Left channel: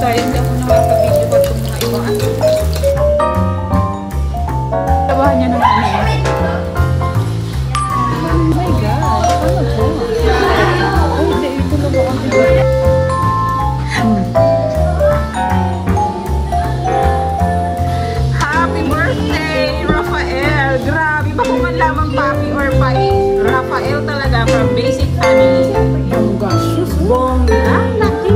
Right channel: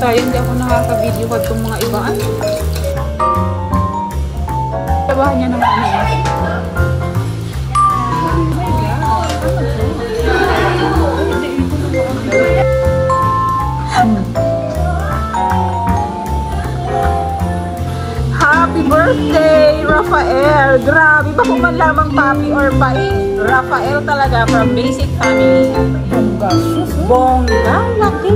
Sayang di ako nakaka-video ko itong mga iba. Trabahan niya ng ano eh. Happy birthday, Rafael! Grabe, ba kung man lamang papi or pai? Rafael talaga from Basic Family. Bongga, laki!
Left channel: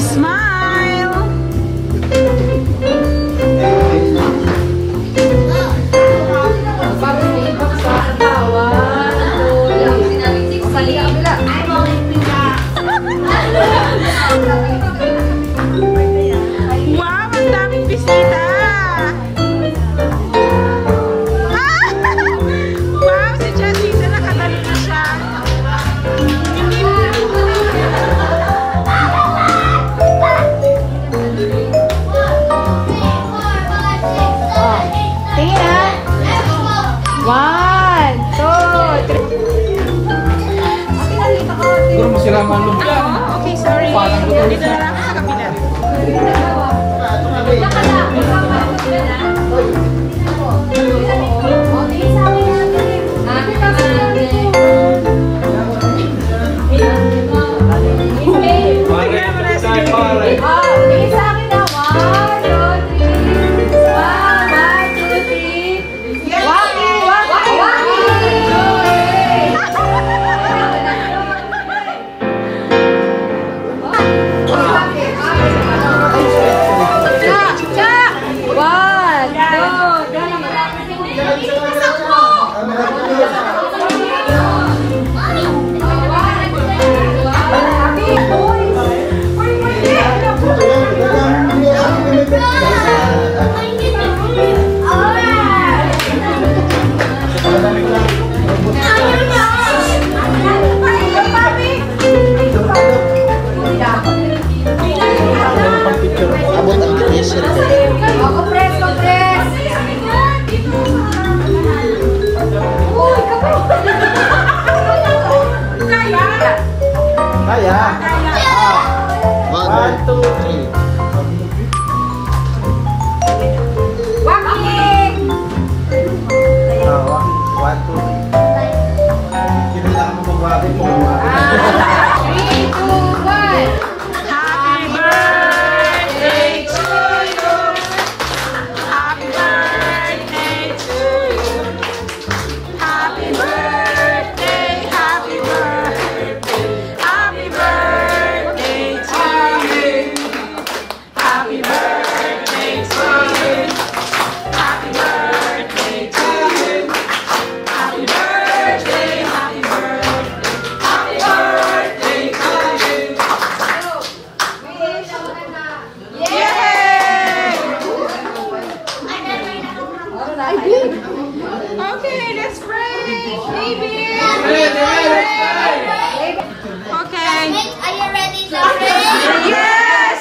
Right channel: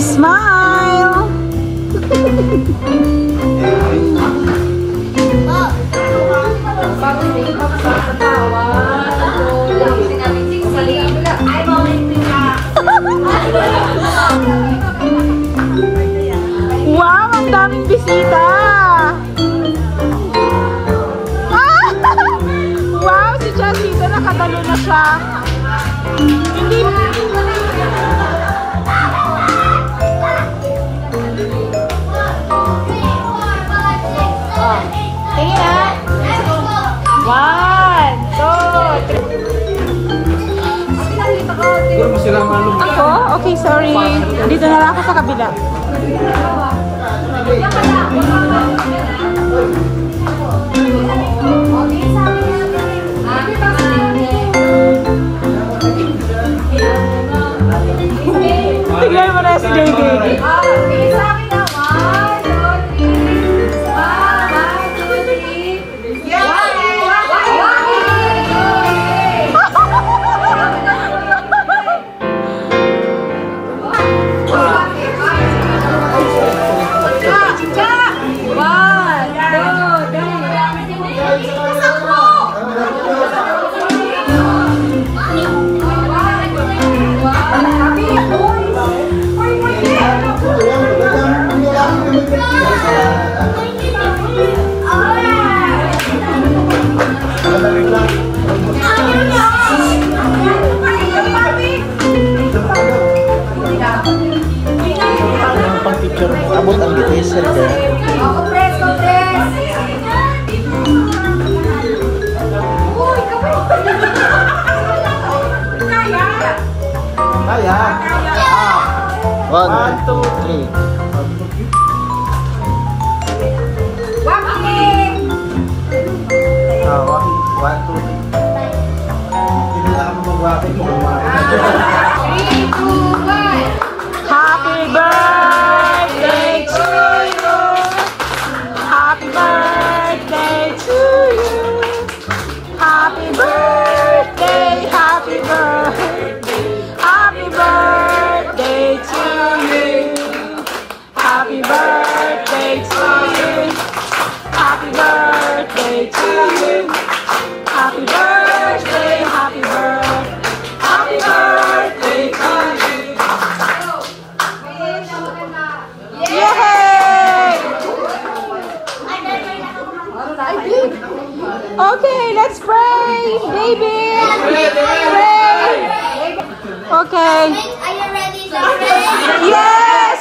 Smile! Wow, ang daming bisita! Wow, si Chasita nakatalo na siya. Ako? Okay, sorry. Dito na ako sa kabila. Okay, let's pray, baby. Okay. Are you ready to pray? Yes.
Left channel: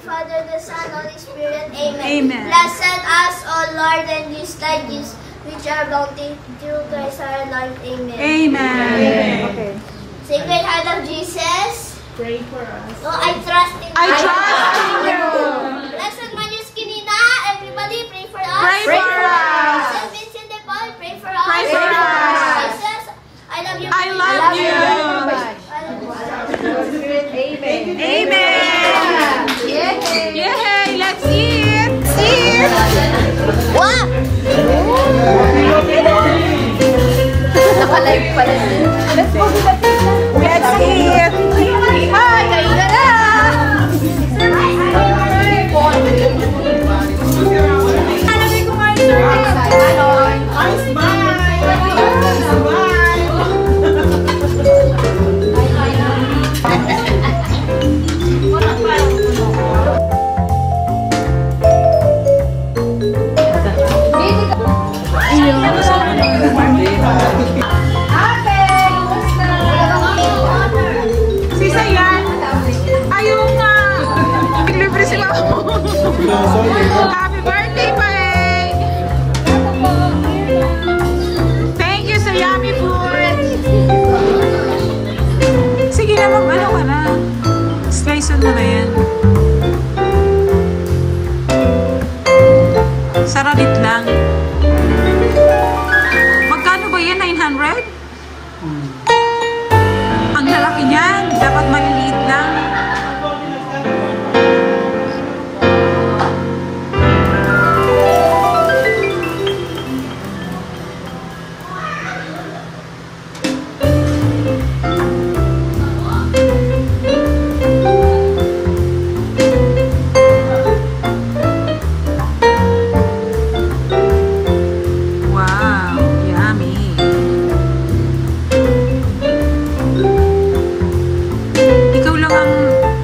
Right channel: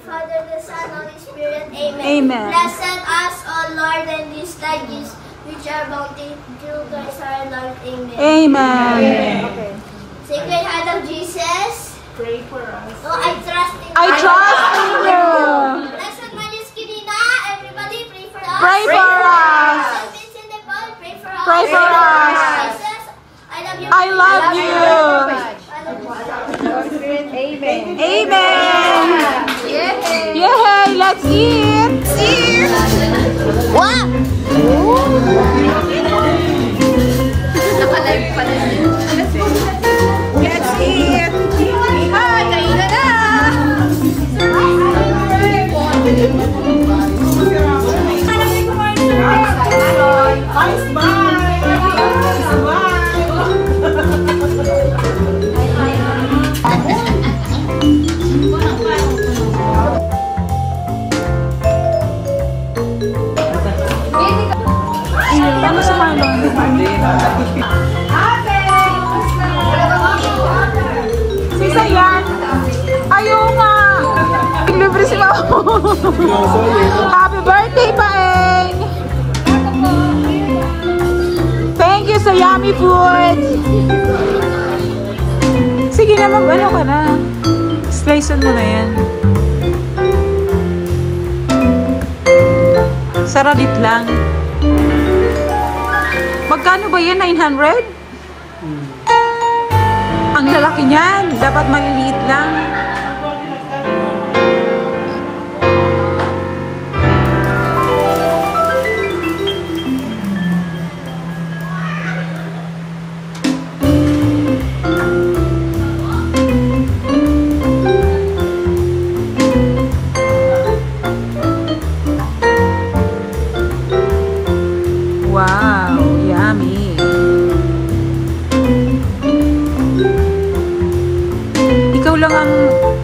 Father, the Son, Holy Spirit. Amen. Amen. Blessed us, O Lord, and these thy gifts, which are bounty to Christ our Lord. Amen. Amen. Amen. Sacred Heart of Jesus, Pray for us. oh, I trust in I you. trust in you. Blessed Maria Skinita, everybody pray for us. Pray for us. Saint Vincent de Paul, pray for us. Pray for us. Jesus, I love you. I love you. Amen. Yay, let's eat. Eat. What? Naka-live pala din. Let's go. Let's eat. Hi, kain na na. Sisa yan. Ayaw nga. Libre si Mama. Happy birthday, Paeng. Thank you sa yummy food. Sige na, ano ka na. Slice mo na yan. Saradit lang. Magkano ba yan? 900? Ang lalaki niyan. Dapat maliliit lang.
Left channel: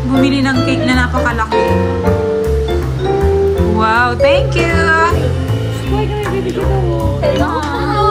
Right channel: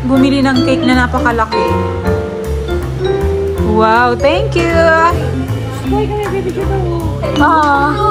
Bumili ng cake na napakalaki. Wow, thank you! Boy, kami baby siya daw.